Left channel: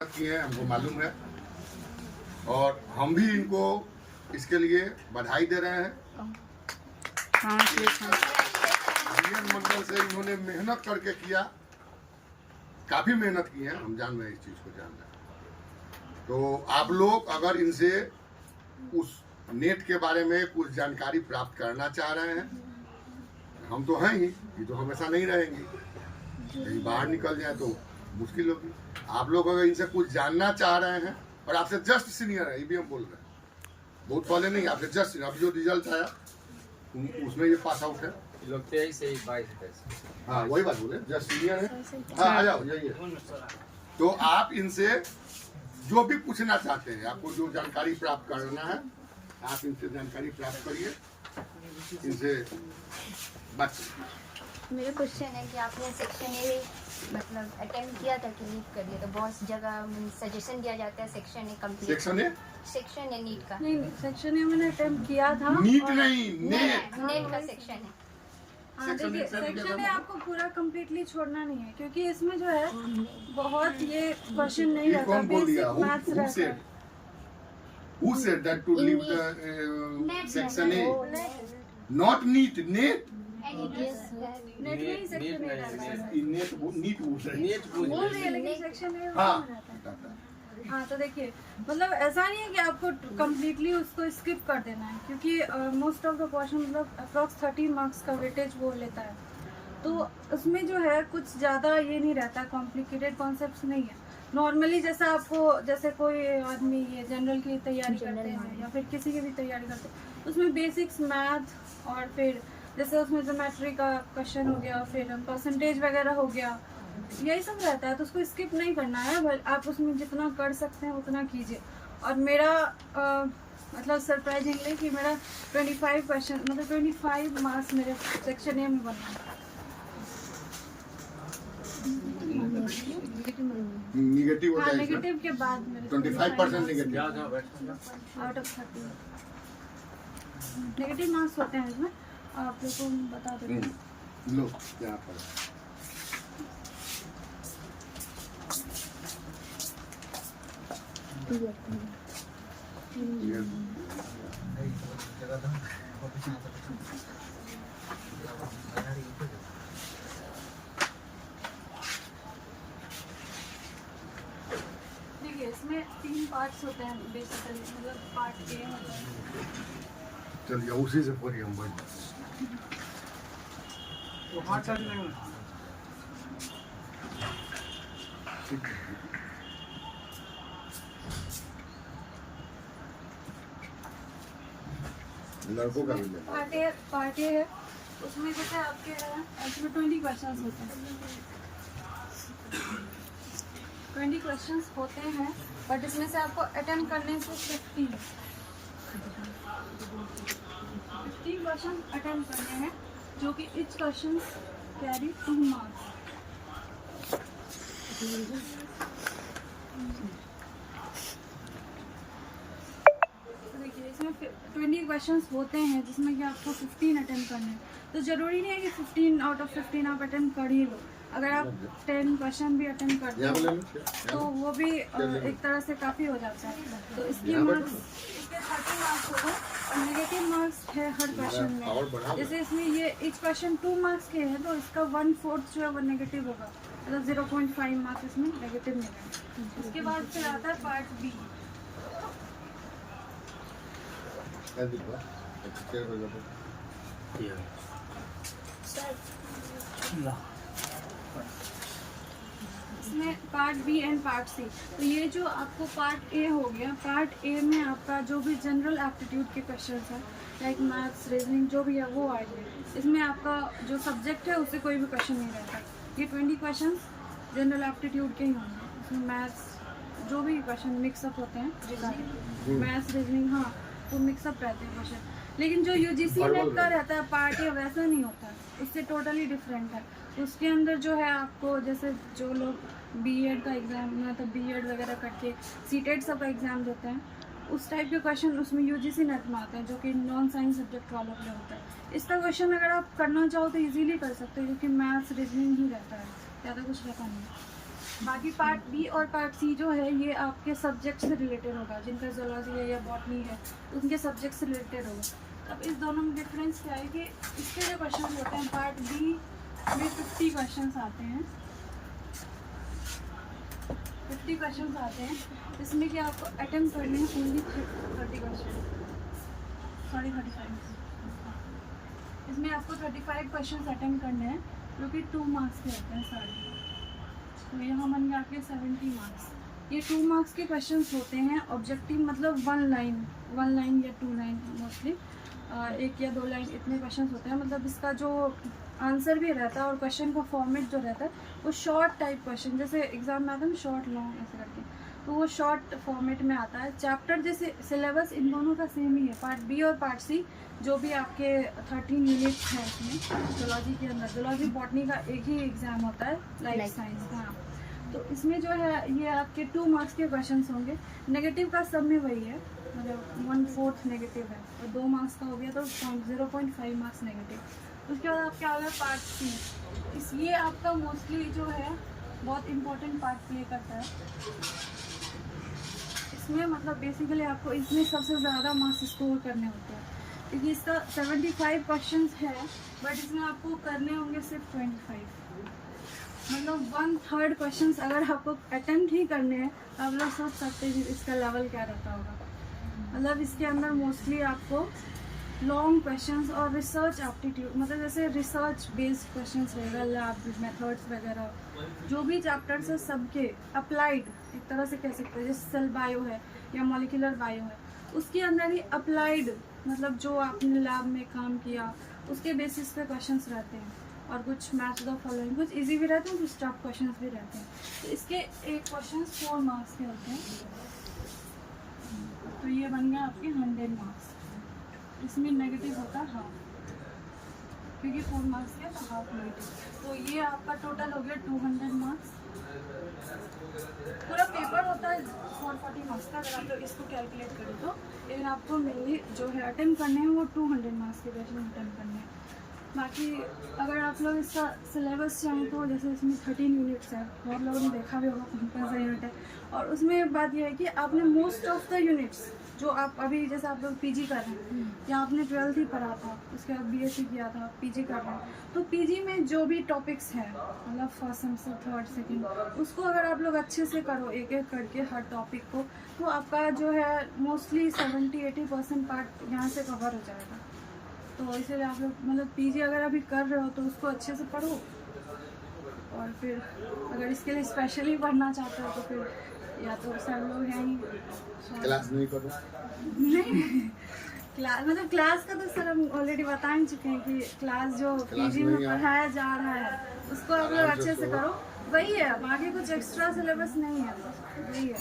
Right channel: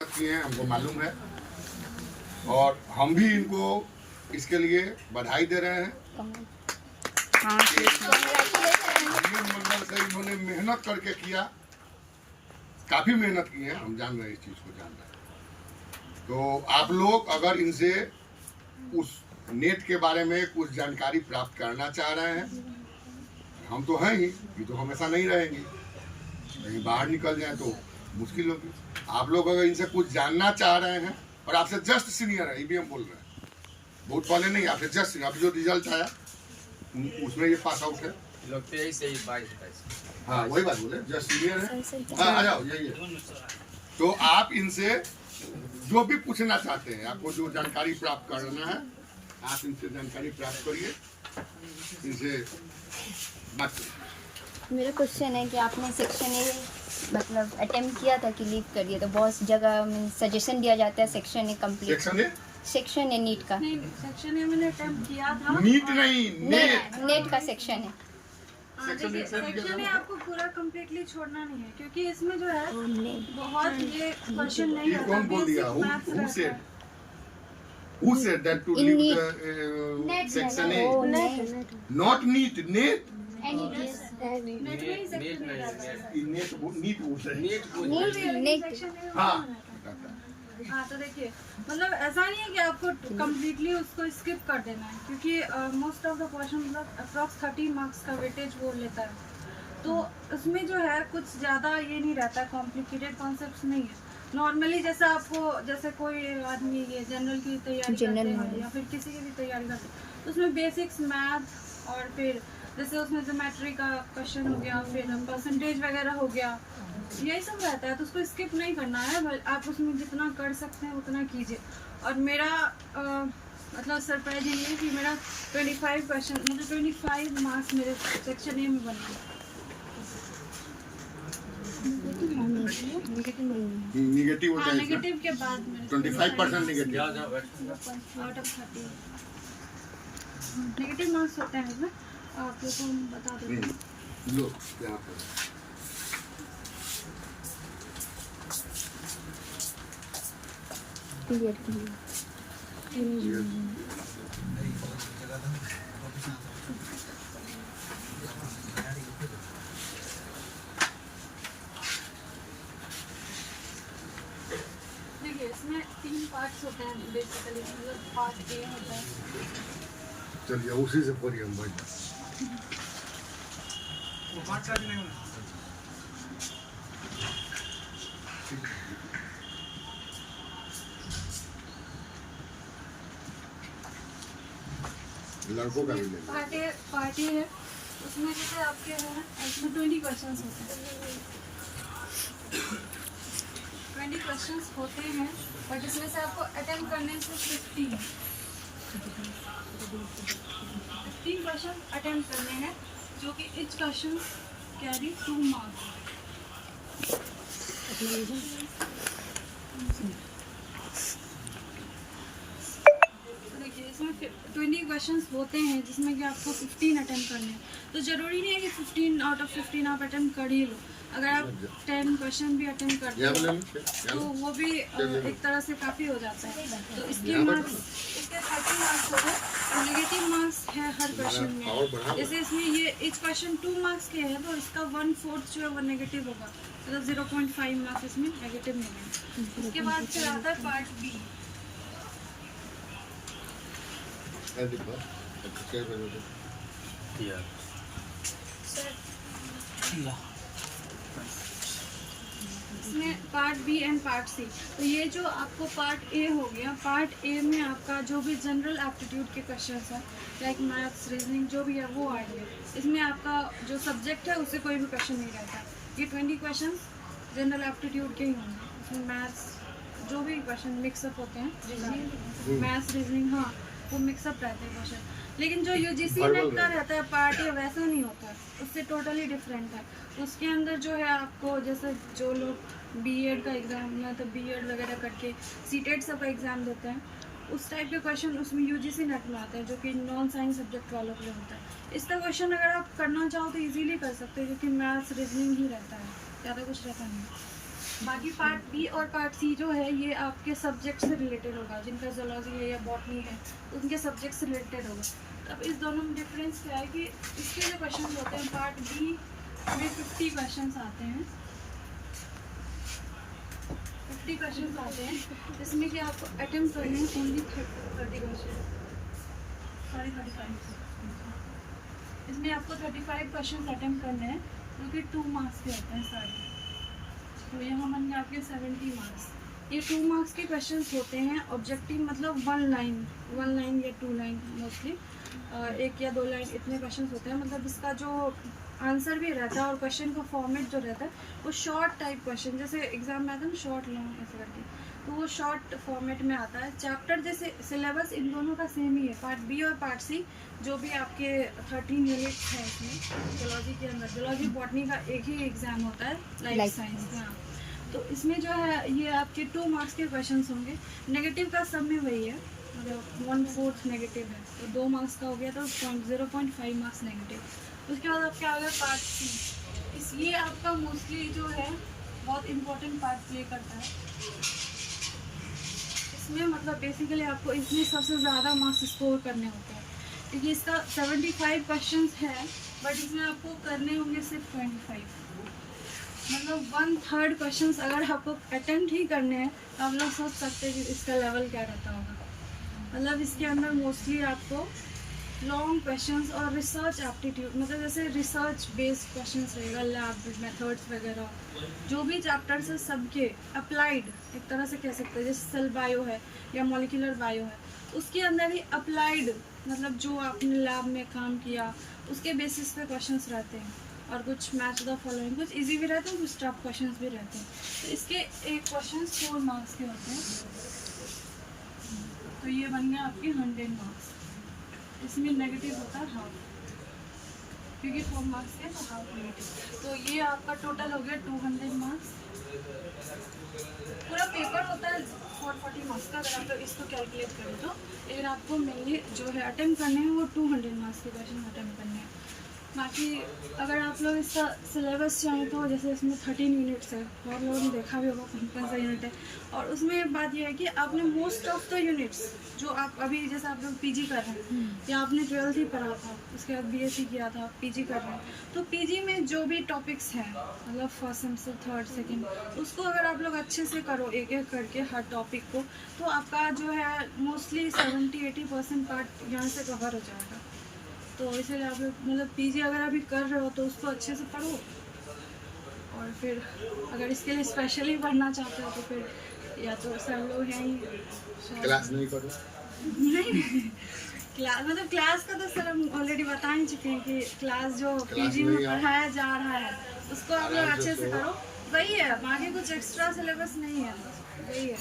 किए हैं, हमको मालूम है और हम भी इनको इसके लिए बधाई दे रहे हैं। मंडल से इन्होंने मेहनत करके किया, काफी मेहनत की है, हम जान रहे हैं, इस चीज को जान रहे हैं। तो आप लोग अगर इनसे उस नेट के बारे में कुछ जानकारी प्राप्त करना चाह रहे हैं, हम तो हैं ही, ये तो हमेशा नहीं रहेंगी, कहीं बाहर निकल जाए तो मुश्किल होगी। आप लोग अगर इनसे कुछ जानना चाह रहे हैं और आपसे जस्ट सीनियर है, ये भी हम बोल रहे हैं, बहुत पहले नहीं, आपसे जस्ट सीनियर, अभी जो रिजल्ट आया उसमें ये पास आउट है, हाँ वही बात बोले, जस्ट सीनियर है। हाँ आ जाओ, यही है। तो आप इनसे जो भी पूछना चाहते हैं, आपको जो जानकारी प्राप्त करना है, आप इनसे जानकारी प्राप्त करिए, इनसे बात करिए। मेरा क्वेश्चन है कि आपने सेक्शन ए मतलब अटेम्प्ट किया था कि लीव कर दिया, तो बहुत जगह सजेशन दिया जाता है section A complete, section A NEET का। नहीं, सेक्शन ए मैंने अटेम्प्ट किया था। नीट नहीं, नेट, नेट का सेक्शन है। सेक्शन ए आपको पूरा कम्प्लीटली छोड़ना नहीं है, क्योंकि इसमें जो है बहुत ये क्वेश्चन नहीं ये कौन बोल दिया? Who said that to leave the section A? Not neat, net. Net में ही सेक्शन ए रहता है। नीट बोल रहे हैं। सेक्शन ए हाँ, हाँ, तो देखिए, मतलब ऐसा नहीं है कि आपको कम्प्लीटली उसको स्किप कर देना है, क्योंकि मोस्ट ऑफ द क्वेश्चन मतलब अप्रॉक्स 30 मार्क्स का वेटेज बोल लेता है, तो उसमें जो है कुछ ज़्यादा ये नहीं रहता, कॉम्प्लिकेटेड कॉन्सेप्ट्स नहीं है। नॉर्मली जैसा आपको, जैसे कोई आदमी ये जनरल की तैयारी करते हैं या फिर किसी की भी तैयारी करते हैं, उसमें बेसिक्स मैथ और फिर जैसे उसमें ज्योमेट्री का क्वेश्चन हो गया, फिर परसेंटेज वगैरह हो गया, यही सब रहता है, तो उसको स्किप नहीं करना है, आप उसमें जितना कर सकते हैं उतना कीजिए। और मेरा मतलब सरप्राइजिंग है कि मेरा 25 क्वेश्चन मतलब 25 मार्क्स मेरे सेक्शन ए में बना है। निगेटिव होता है, नेगेटिव के बाद मेरे 25% negative out of 30 negative marks होते हैं इसमें, आप लोगों को बता दो। लो यहाँ पर देखिए, इसमें 3 पार्ट्स होते हैं बेसिकली, मतलब पार्ट ए होता है। चलिए उसी से पढ़िए, हम बैठ लड़कों का भी ले पार्ट ए है, उसमें जैसे आपके हैं इसमें 20 क्वेश्चंस होते हैं, 20 क्वेश्चंस होते हैं, बट इसमें से आपको अटेम्प्ट करने से 15 क्वेश्चन अटेम्प्ट करने हैं, जो कि ईच क्वेश्चन कैरी 2 मार्क्स। तो देखिए, इसमें 20 क्वेश्चंस होते हैं, जिसमें कि आपको 15 अटेम्प्ट करने हैं, तो ज़रूरी नहीं है कि 15 आउट ऑफ 15 आप अटेम्प्ट कर ही लो। अगर आप 10 क्वेश्चन भी अटेम्प्ट करते हो तो वो भी एक तरह से काफ़ी हो जाता है। तो इसके मार्क्स, इसके 30 मार्क्स हो गए और नेगेटिव मार्क्स है हर क्वेश्चन में। जैसे इसमें ये इच क्वेश्चन 2 मार्क्स के हैं, तो इसका 1/4 जो है वो नेगेटिव होगा, मतलब 0.5 मार्क्स इसमें नेगेटिव मिलेंगे। उसके बाद फिर आता है पार्ट बी। इसमें part B and part C. तो ये जो आपको पार्ट ए हो गया, पार्ट ए में आपका जो भी जनरल एप्टीट्यूड के क्वेश्चंस हैं, लाइक मैथ्स, रीजनिंग, जो भी है वो आएंगे। इसमें आपका जो सब्जेक्ट है उससे कोई भी क्वेश्चन नहीं रहता। ये 20 क्वेश्चन जनरल एप्टीट्यूड के ही होंगे, इसमें मैथ्स जो भी क्वेश्चन मिक्सअप होते हैं, मैथ्स, रीजनिंग, हाँ वो मिक्सअप रहते हैं क्वेश्चन। लेकिन जो यूजीसी नेट का रहता है पार्ट ए, वैसा नहीं होता, उससे टोटली डिफरेंट है। उसके अंदर जो है आपको, जैसे जो लोग बीएड का एग्ज़ाम, मतलब बीएड वगैरह करके सीटेट सब का एग्ज़ाम देते हैं, उस टाइप के क्वेश्चन उसमें यूजीसी नेट में आते हैं, जो कि नॉन साइंस सब्जेक्ट वालों के लिए होता है। इसका क्वेश्चन अगर आप करना चाहो तो इजीली कर सकते हो, क्योंकि मैथ्स, रीजनिंग ही रहता है, ज़्यादा कुछ रहता नहीं। बाकी पार्ट बी और पार्ट सी जो है ये आपके सब्जेक्ट से रिलेटेड होगा, जिनका जूलॉजी है या बॉटनी है उनके सब्जेक्ट से रिलेटेड होगा। अब इस दोनों में डिफरेंस क्या है कि इसके जो क्वेश्चन होते हैं पार्ट बी में 50 क्वेश्चन आते हैं, 50 क्वेश्चन आते हैं, इसमें कि आपको अटेम्प्ट करने हैं ओनली 30 क्वेश्चन, 35। इसमें आपको 35 क्वेश्चन अटेम्प्ट करने हैं जो कि 2 मार्क्स के होते हैं सारे। तो यहाँ बन गए आपके 70 मार्क्स। ये 2 मार्क्स के क्वेश्चंस होते हैं। ऑब्जेक्टिव मतलब 1 लाइन या 2 लाइन मोस्टली, 1 या 2 लाइन इतने क्वेश्चंस होते हैं। मतलब इसका जो आंसर भी रहता है और क्वेश्चन का फॉर्मेट जो रहता है वो शॉर्ट टाइप क्वेश्चन, जैसे एग्जाम में आता है ना शॉर्ट लॉन्ग ऐसे करके, तो वो शॉर्ट फॉर्मेट में आता है। चैप्टर जैसे सिलेबस इन दोनों का सेम ही है, पार्ट बी और पार्ट सी जो भी आपके 13 यूनिट्स हैं इसमें जूलॉजी के अंदर। जूलॉजी बॉटनी का एक ही एग्ज़ाम होता है, लाइफ साइंस का। तो इसमें जो है ये आपके 2 मार्क्स के क्वेश्चंस होंगे। नेगेटिव का सब में वही है, मतलब 1/4 नेगेटिव है, तो 2 मार्क्स का हो गया तो 0.5 मार्क्स नेगेटिव। उसके बाद आपके आ गया पार्ट सी। ये आपका मोस्टली जो है बहुत इम्पोर्टेंट पार्ट प्ले करता है इसमें। मतलब बेसिकली आपको इसमें सबसे ज़्यादा मार्क्स स्कोर करने होते हैं, क्योंकि इसका 75 क्वेश्चंस है, बट इसमें आपको करने होंगे सिर्फ 25। मतलब 1/3 क्वेश्चंस अगर आपको अटेम्प्ट ही करने हैं तो आप लोग सोच सकते हैं कि इसका लेवल क्या रहता होगा। मतलब इसके अंदर मोस्टली आपको लॉन्ग क्वेश्चंस और रिसर्च एप्टीट्यूड, मतलब जैसे रिसर्च बेस्ड क्वेश्चंस रहेगा, लैब मेथड्स वगैरह जो भी चैप्टर्स है सबके अप्लाइड एक तरह से कह सकते हैं। जैसे सेल बायो है या मॉलिक्यूलर बायो है, उसके अंदर ही अप्लाइड मतलब जो आपने लैब में काम किया उसके बेसिस पे क्वेश्चंस रहते हैं। और कुछ मैच द फॉलोइंग, कुछ इजी भी रहते हैं, कुछ टफ क्वेश्चंस भी रहते हैं। तो इसके एक क्वेश्चन 4 मार्क्स के होते हैं, तो ये बन गया आपके 100 मार्क्स। इसमें नेगेटिव होता है हाफ, क्योंकि 4 मार्क्स के तो हाफ नेगेटिव। तो ये आपका टोटल हो गया 200 मार्क्स। पूरा पेपर होता है 440 मार्क्स का, अगर आप लोग इसको कैलकुलेट करें तो। लेकिन आपको मेनली जो है अटेम्प्ट करने हैं वो 200 मार्क्स के क्वेश्चन अटेम्प्ट करने हैं। बाकी अगर आप लोग इसका सिलेबस चाहें तो जैसे इसमें 13 यूनिट्स है, बहुत लोगों ने देखा भी होगा कौन सा यूनिट है। और उसमें बात यह है कि आपने मोस्ट ऑफ द यूनिट्स जो आप अभी जैसे आप लोग पीजी कर रहे हैं या आपने 12th ही पढ़ा था, उसके बाद बीएससी किया था, पीजी कर रहे हैं, तो पीजी में जो भी टॉपिक्स हैं मतलब फर्स्ट सेमेस्टर, थर्ड, सेकेंड, उसको अगर आप लोग अच्छे से करो एक एक करके हर टॉपिक को, तो आपका जो है मोस्टली 70-80% पार्ट यहाँ से कवर हो जाएगा। तो इसलिए आप लोग मतलब पीजी अगर अभी कर रहे हो तो उसको अच्छे से पढ़ो, और फिर अगर इसके लिए स्पेशली पढ़ना चाहते हो तो फिर या तो सर लोग हैं ही क्लास नहीं करो। नहीं क्लास मतलब क्लास का तो सर हम ऑलरेडी बता ही चुके हैं कि क्लास जो पीजी में पढ़ाया जा रहा है उसको आप लोग अच्छे से करो, वही है, बाकी कुछ एक्स्ट्रा सिलेबस नहीं है, वही है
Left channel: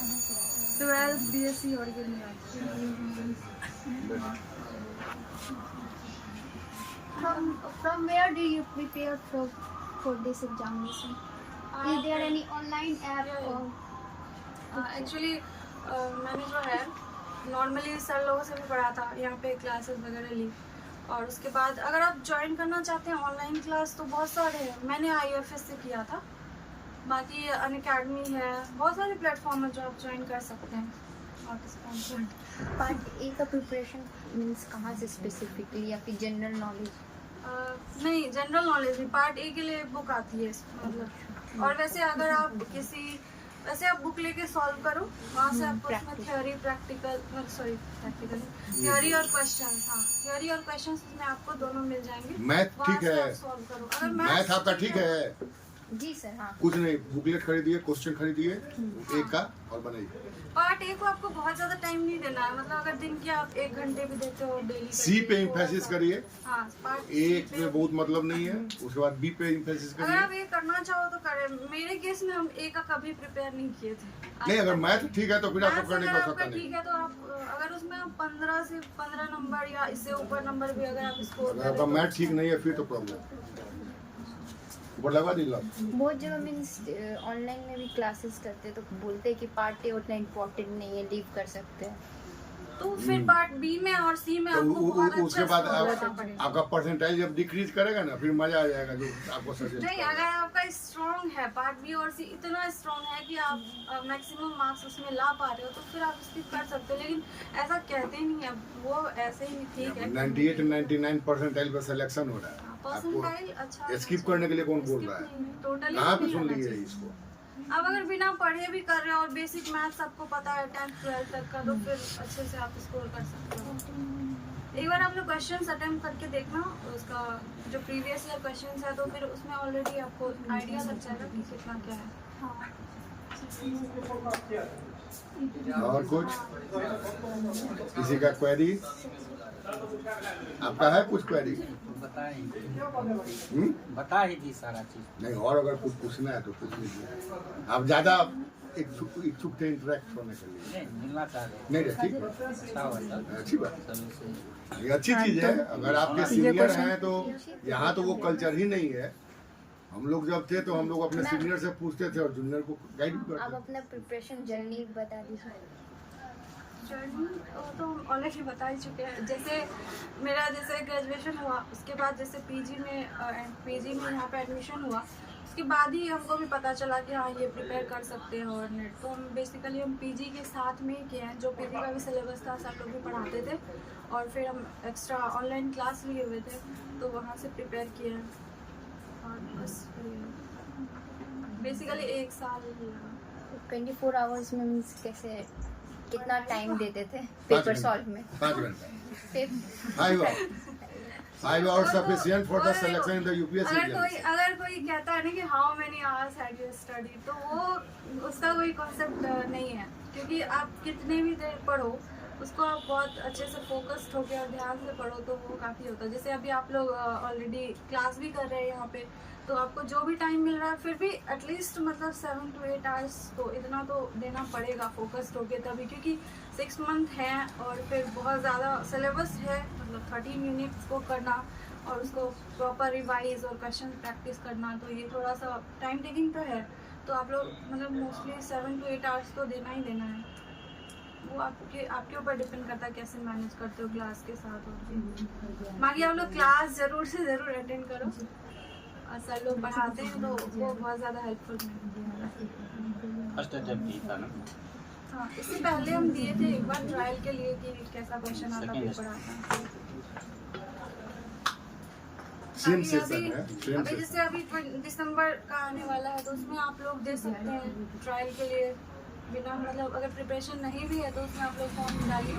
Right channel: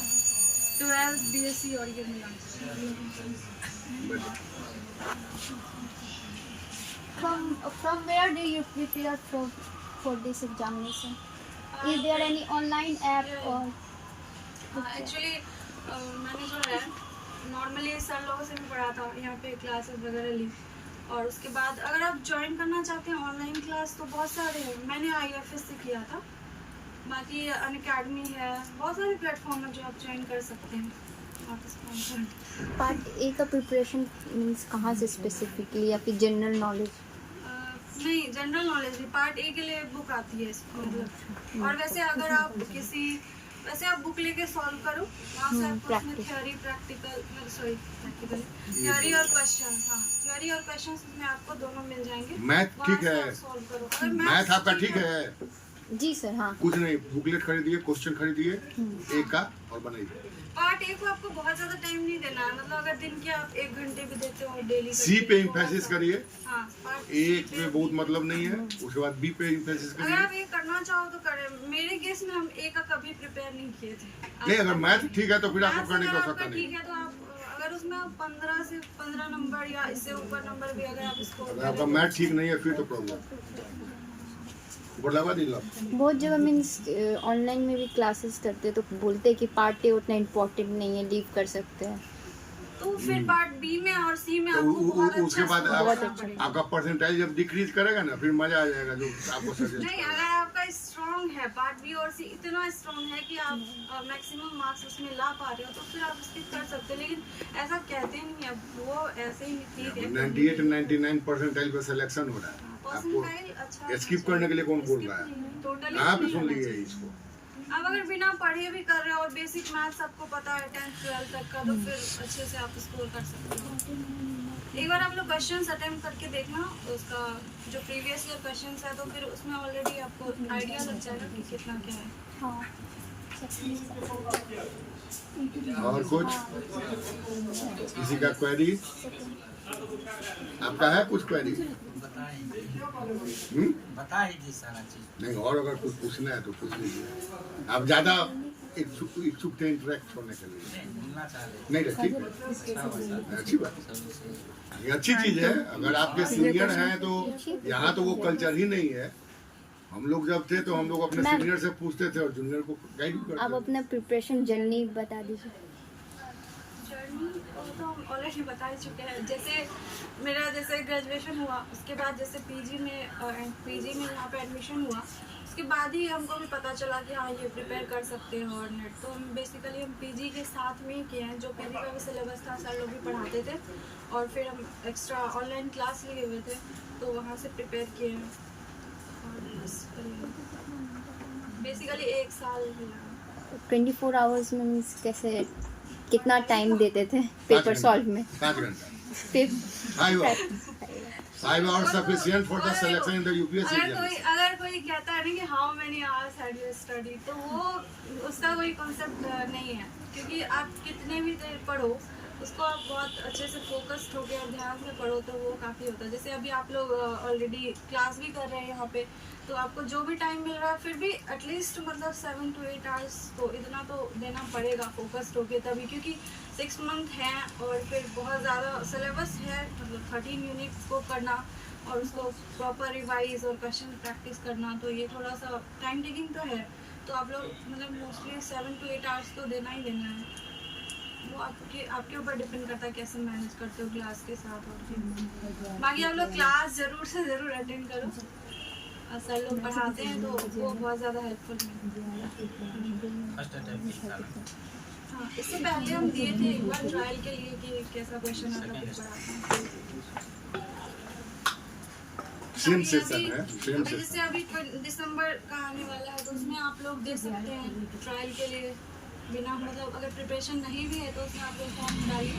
12th बीएससी और ये मिला। From where do you prepare for this examination? Is there any online app or? Actually मैंने जो है नॉर्मली सर लोगों से भी पढ़ा था, यहाँ पे क्लासेस वगैरह ली, और उसके बाद अगर आप ज्वाइन करना चाहते हैं ऑनलाइन क्लास तो बहुत सारे हैं। मैंने IFS से किया था, बाकी अनअकैडमी है, बहुत सारे प्लेटफॉर्म है जो आप ज्वाइन कर सकते हैं। पार्ट ए का प्रिपरेशन मीन्स कहाँ से स्पेसिफिकली, या फिर जनरल नॉलेज? नहीं, general knowledge he. Part A के लिए बुक आती है मतलब, और वैसे अगर आप वैसे आप बुक लेके सॉल्व करो, वहाँ से आपको इसमें थ्योरी थ्योरी और क्वेश्चंस, हाँ थ्योरी और क्वेश्चंस इसमें आपको दोनों मिल जाएंगे। मैथ ठीक है, सॉल्व करो। अगर मैथ आपका ठीक है जी सर, हाँ कुछ नहीं, बुकलेट खरीदिए, क्वेश्चन खरीदिए एक का और बनाइए। पार्ट ए को आपको बहुत ज्यादा टाइम नहीं देना है, मतलब अगर दिन के आप 1 घंटे भी देते हो डेली। सी पे इम्फेसिस करिए, हाँ पार्ट एक में बहुत मतलब नहीं है, उसके बाद बी पे इम्फेसिस अगर करिए। आप ये करना चाहो तो करें। मेरे केस में हम ए का कभी प्रिपेयर नहीं किए थे। नहीं, अगर मैथ ठीक है तो फिर आपको मैथ्स करने की अगर आवश्यकता आपका नहीं। ठीक है तो आप अगर उसमें आप 15 से 15 नंबर या इससे ऊपर नंबर भी अगर आप इसको अगर आपका मैथ ठीक नहीं है फिर तो प्रॉब्लम ऊपर लगा दी लो। बहुत जगह मीन्स ऑनलाइन में भी क्लासेस करते हैं तो बोलते हैं कि पार्ट ए उतना इम्पोर्टेंट नहीं है, लीव कर सकते हैं। तो फिर पार्ट बी में और सी में तो आपको बहुत अच्छा उसके बाद स्कोर करना पड़ेगा। आपका परसेंटाइल जब डिक्रीज करेगा ना, फिर मजा आ जाएगा जो आपको सजेस्ट नहीं, अगर आपका स्ट्रॉन्ग है पार्ट बी और सी इतना स्ट्रॉन्ग है कि आप मैक्सिमम मार्क्स उसमें ला पा रहे हो तो फिर आप स्किप कर सकते हो, लेकिन ऐसा कहते नहीं है वो, ऐसे ही ठीक है। 98 99 परसेंटाइल पर सिलेक्शन हो रहा है, परसेंटाइल अच्छा आपको स्किप करने के लिए कौन बोल रहा है? टोटली कहाँ पे सुन लिए इसको? अब अगर बिना पढ़े भी कर रहे हो और बेसिक मैथ्स आपको पता है 10th 12th तक का, तो फिर अच्छे से आप स्कोर कर सकते हो। एक बार आप लोग क्वेश्चंस अटेम्प्ट करके देखना उसका, जो प्रीवियस ईयर क्वेश्चंस है, तो फिर उसमें ऑलरेडी आपको आइडिया लग जाएगा कि कितना क्या है। और कुछ किसी का क्वेरी? आपका है कुछ क्वेरी? बता ही दी सारा चीज। नहीं, और अगर कुछ पूछना है तो पूछ लीजिए। आप ज्यादा इच्छुक थे इंटरेक्ट होने के लिए? नहीं मिलना चाह रहे नहीं, ठीक है, अच्छा बता अच्छी बात, चलो से ये अच्छी चीज है। अगर आपके सीनियर हैं तो यहाँ तो वो कल्चर ही नहीं है। हम लोग जब थे तो हम लोग अपने सीनियर से पूछते थे और जूनियर को गाइड भी आप करते थे। अपना प्रिपरेशन जर्नी बता दीजिए। जर्नी तो हम ऑलरेडी बता ही चुके हैं। जैसे मेरा जैसे ग्रेजुएशन हुआ, उसके बाद जैसे पीजी में यहाँ पे एडमिशन हुआ, उसके बाद ही हमको भी पता चला कि हाँ ये प्रिपेयर कर सकते हैं और नेट। तो हम बेसिकली हम पीजी के साथ में ही किए हैं, जो पीजी का भी सिलेबस था सर लोग भी पढ़ाते थे, और फिर हम एक्स्ट्रा ऑनलाइन क्लास लिए हुए थे तो वहाँ से प्रिपेयर किए हैं। और बस बेसिकली 1 साल ही लगा। 24 आवर्स मीन्स कैसे, कितना टाइम देते थे 5 पेपर घंटा, सॉल्व में? 5 घंटा, paper 5 hours sufficient for the selection in the UPSC exams. अगर कोई कहता है ना कि how many hours had you study, तो वो उसका कोई कॉन्सेप्ट नहीं है, क्योंकि आप कितने भी देर पढ़ो उसको आप बहुत अच्छे से फोकस्ड होकर और ध्यान से पढ़ो तो वो काफ़ी होता है। जैसे अभी आप लोग ऑलरेडी क्लास भी कर रहे हैं यहाँ पे, तो आपको जो भी टाइम मिल रहा है फिर भी एटलीस्ट मतलब 7 to 8 आवर्स तो इतना तो देना पड़ेगा फोकस्ड होके तभी, क्योंकि 6 मंथ हैं और फिर बहुत ज़्यादा सिलेबस है, मतलब 13 यूनिट्स को करना और उसको प्रॉपर रिवाइज और क्वेश्चन प्रैक्टिस करना, तो ये थोड़ा सा टाइम टेकिंग तो है। तो आप लोग मतलब मोस्टली 7 to 8 आवर्स तो देना ही देना है। वो आपके ऊपर डिपेंड करता है कैसे मैनेज करते हो क्लास के साथ। और बाकी आप लोग क्लास ज़रूर से ज़रूर अटेंड करो, और सर लोग पढ़ाते हैं तो वो बहुत ज़्यादा हेल्पफुल है। फर्स्ट अटेम्प्ट ही था ना। हाँ, इससे पहले हम दिए थे एक बार ट्रायल के लिए कि कैसा क्वेश्चन आता पेपर आता है। सेम अभी सेशन है, सेम अभी जैसे सेशन। अभी दिसंबर का आने वाला है तो उसमें आप लोग दे सकते हैं ट्रायल के लिए बिना, मतलब अगर प्रिपरेशन नहीं भी है तो उसमें आप लोग फॉर्म डालिए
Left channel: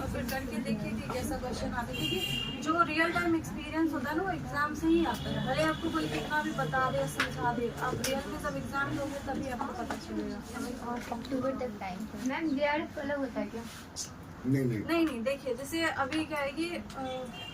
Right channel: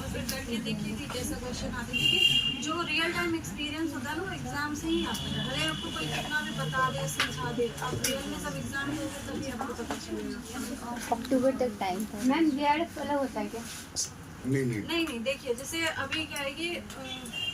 और फिर करके देखिए कि कैसा क्वेश्चन आता है, क्योंकि जो रियल टाइम एक्सपीरियंस होता है ना वो एग्जाम से ही आता है। भले आपको कोई कितना भी बता दे समझा दे, आप रियल में जब एग्जाम दोगे तभी आपको पता चलेगा। अक्टूबर तक टाइम था। मैम जेआरएफ अलग होता है क्या? नहीं, देखिए जैसे अभी क्या है कि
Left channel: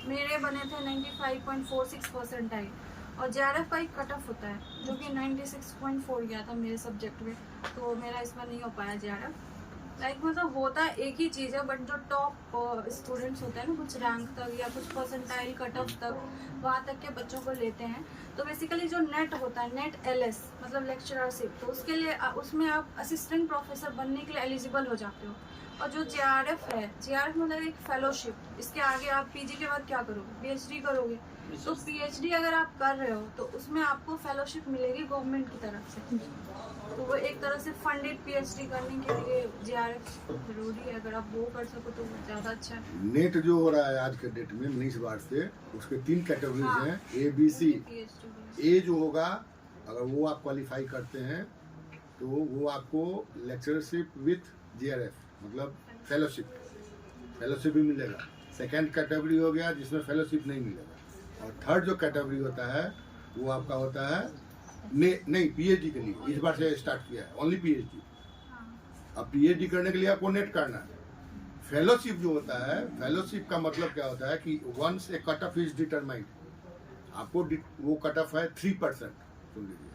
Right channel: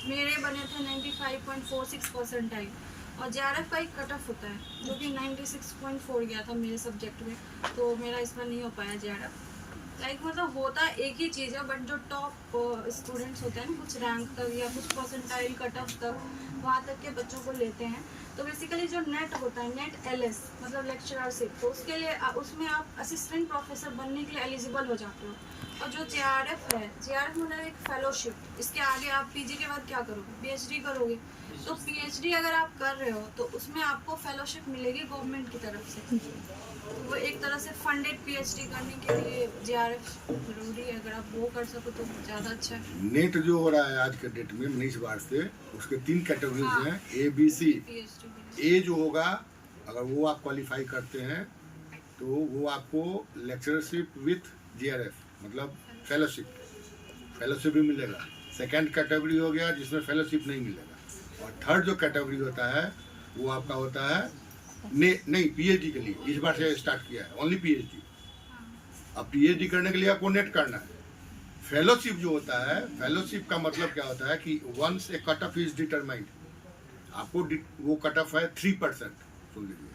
मेरे बने थे 95.46 परसेंटाइल और जेआरएफ का एक कट ऑफ होता है जो कि 96.4 गया था मेरे सब्जेक्ट में, तो मेरा इस बार नहीं हो पाया जेआरएफ। लाइक मतलब होता एक ही चीज़ है, बट जो टॉप स्टूडेंट्स होते हैं ना कुछ रैंक तक या कुछ परसेंटाइल कट ऑफ तक, वहाँ तक के बच्चों को लेते हैं। तो बेसिकली जो नेट होता है, नेट एलएस मतलब लेक्चररशिप, तो उसके लिए उसमें आप असिस्टेंट प्रोफेसर बनने के लिए एलिजिबल हो जाते हो। और जो जेआरएफ है, जेआरएफ मतलब एक फेलोशिप, इसके आगे आप पीजी के बाद क्या करोगे, पीएचडी करोगे। तो पीएचडी अगर आप कर रहे हो तो उसमें आपको फेलोशिप मिलेगी गवर्नमेंट की तरफ से, तो वो एक तरह से फंडेड पीएचडी करने के लिए जेआरएफ जरूरी है। अगर आप वो कर सको तो ज़्यादा अच्छा है। नेट जो हो रहा है आज के डेट में 19 बार से, उसके 3 कैटेगरीज हाँ। हैं, ए बी सी। पीएचडी ए जो होगा अगर वो आप क्वालिफाई करते हैं तो वो आपको लेक्चरशिप विथ जीआरएफ मतलब फेलोशिप भी मिलेगा। सेकंड कैटेगरी हो गया जिसमें फेलोशिप नहीं मिलेगा, और थर्ड जो कैटेगरी होता है वो आपका होता है नहीं पीएचडी के लिए इस बार से स्टार्ट किया है, ओनली पीएचडी। अब पीएचडी करने के लिए आपको नेट करना है। फेलोशिप जो होता है, फेलोशिप का मतलब क्या होता है कि once a cut off is determined, आपको वो कट ऑफ है 3%, सुन लीजिए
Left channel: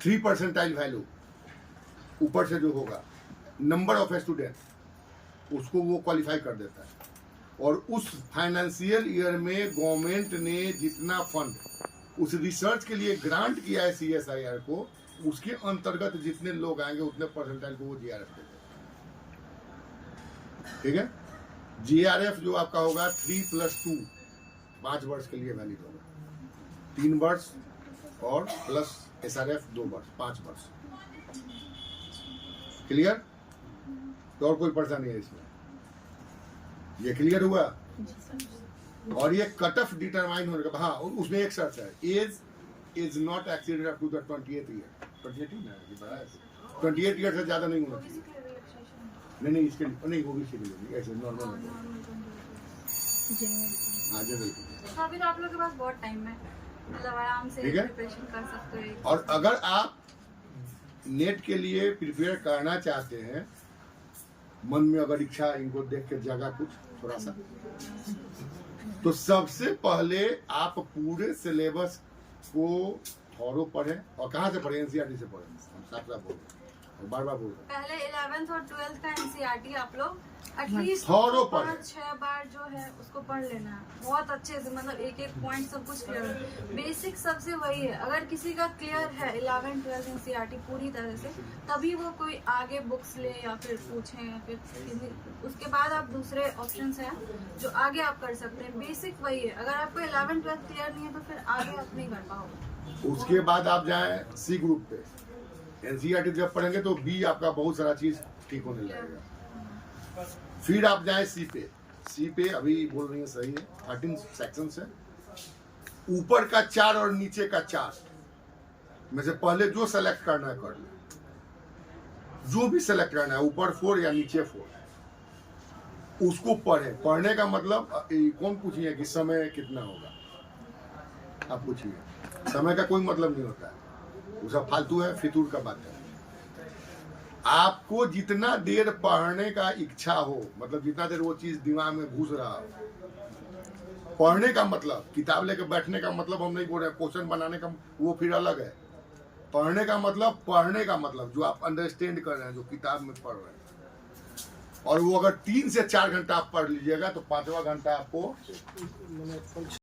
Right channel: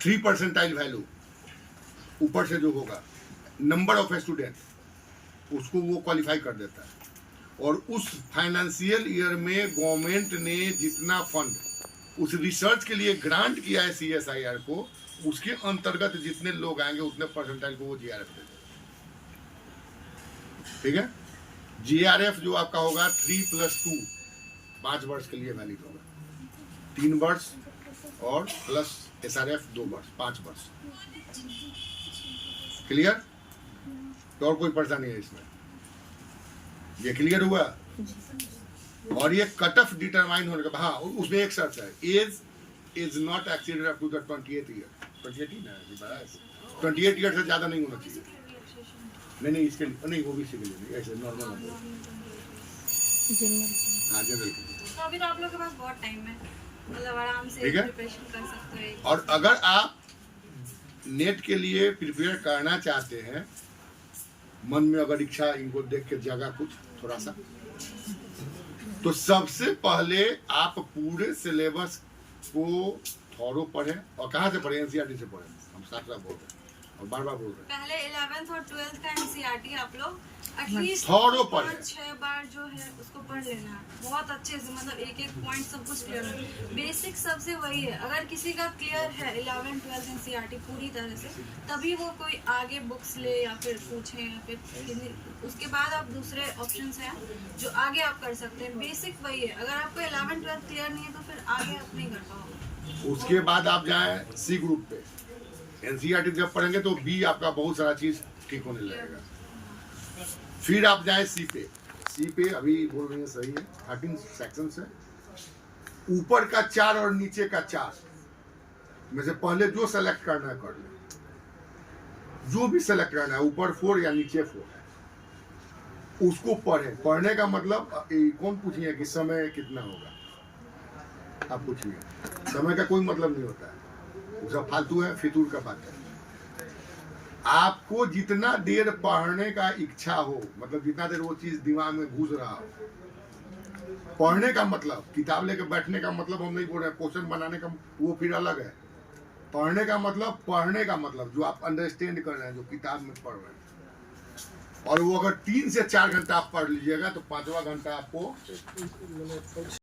3% वैल्यू ऊपर से जो होगा नंबर ऑफ स्टूडेंट, उसको वो क्वालिफाई कर देता है। और उस फाइनेंशियल ईयर में गवर्नमेंट ने जितना फंड उस रिसर्च के लिए ग्रांट किया है CSIR को, उसके अंतर्गत जितने लोग आएंगे उतने परसेंटाइल को वो जीआरएफ देते हैं। ठीक है, GRF जो आपका होगा 3+2 5 वर्ष के लिए वैलिड होगा, 3 वर्ष और प्लस SRF 2 वर्ष 5 वर्ष। क्लियर? तो और कोई परेशानी है इसमें? ये क्लियर हुआ? और ये कट ऑफ डिटरमाइन होने का, हाँ उसमें एक शर्त है, age is not exceeded up to the 28 year. 28 ही ना जी, 28 ईयर से ज्यादा नहीं होना चाहिए। नहीं इसके लिए नहीं, ओबीसी के लिए नहीं, ऐसे नॉर्मल हाँ जनरल के लिए। तो अभी तो आप लोग के पास बहुत टाइम है, मतलब आराम से ठीक है। प्रिपरेशन कर सकते हो। और अगर आप नेट के लिए प्रिपेयर करना चाहते हैं, मन में अगर इच्छा इनको देख के जगह कुछ थोड़ा सा, तो सबसे पहले आप पूरे सिलेबस को थॉरो पढ़ें। और कहाँ से पढ़ें? एनसीईआरटी से पढ़ें। हम साथ साथ बोल रहे हैं और बार बार बोल रहे हैं, पहले 11th और 12th का एनसीईआरटी आप लोग एटलीस्ट थॉरो पढ़ें। 5-6 बार जो है उसको पढ़ लेना है बहुत अच्छे से, मतलब एक एक पॉइंट सब कुछ क्लियर है। बेसिक सबसे वही है, अगर किसी का क्लियर है 11th 12th एनसीईआरटी पूरी तरह से, तभी वो कोई आगे बुक्स ले या फिर पूछें या फिर उसके बाद आप दूसरे ऑप्शंस हैं जो आगे आप कर सकते हैं। बेसिक वही है, अगर आपको 11th 12th क्लियर नहीं है तो फिर आगे आप नहीं कर पाओगे। उसके बाद आप जाएं सी ग्रुप पे। एनसीईआरटी जब पढ़ेंगे तो बी आपका बहुत सारा चीज ठीक होने लगेगा। फिर आप जाएं सी पे। सी पे अभी बोल रही है सही है, 13 सेक्शन है, ऊपर का 4 और नीचे का 4 में से पहले जो सेलेक्ट करना है कर ले। जो भी सेलेक्ट करना है, ऊपर 4 या नीचे 4, उसको पढ़े। पढ़ने का मतलब कौन पूछिए कि समय कितना होगा, आप पूछिए। समय का कोई मतलब नहीं होता है, वो सब फालतू है, फितूर का बात है। आपको जितना देर पढ़ने का इच्छा हो, मतलब जितना देर वो चीज दिमाग में घुस रहा हो, पढ़ने का मतलब किताब लेके बैठने का मतलब हम नहीं बोल रहे हैं, क्वेश्चन बनाने का वो फिर अलग है। पढ़ने का मतलब जो आप अंडरस्टैंड कर रहे हैं, जो किताब में पढ़ रहे हैं। और वो अगर 3 से 4 घंटा आप पढ़ लीजिएगा तो 5वां घंटा आपको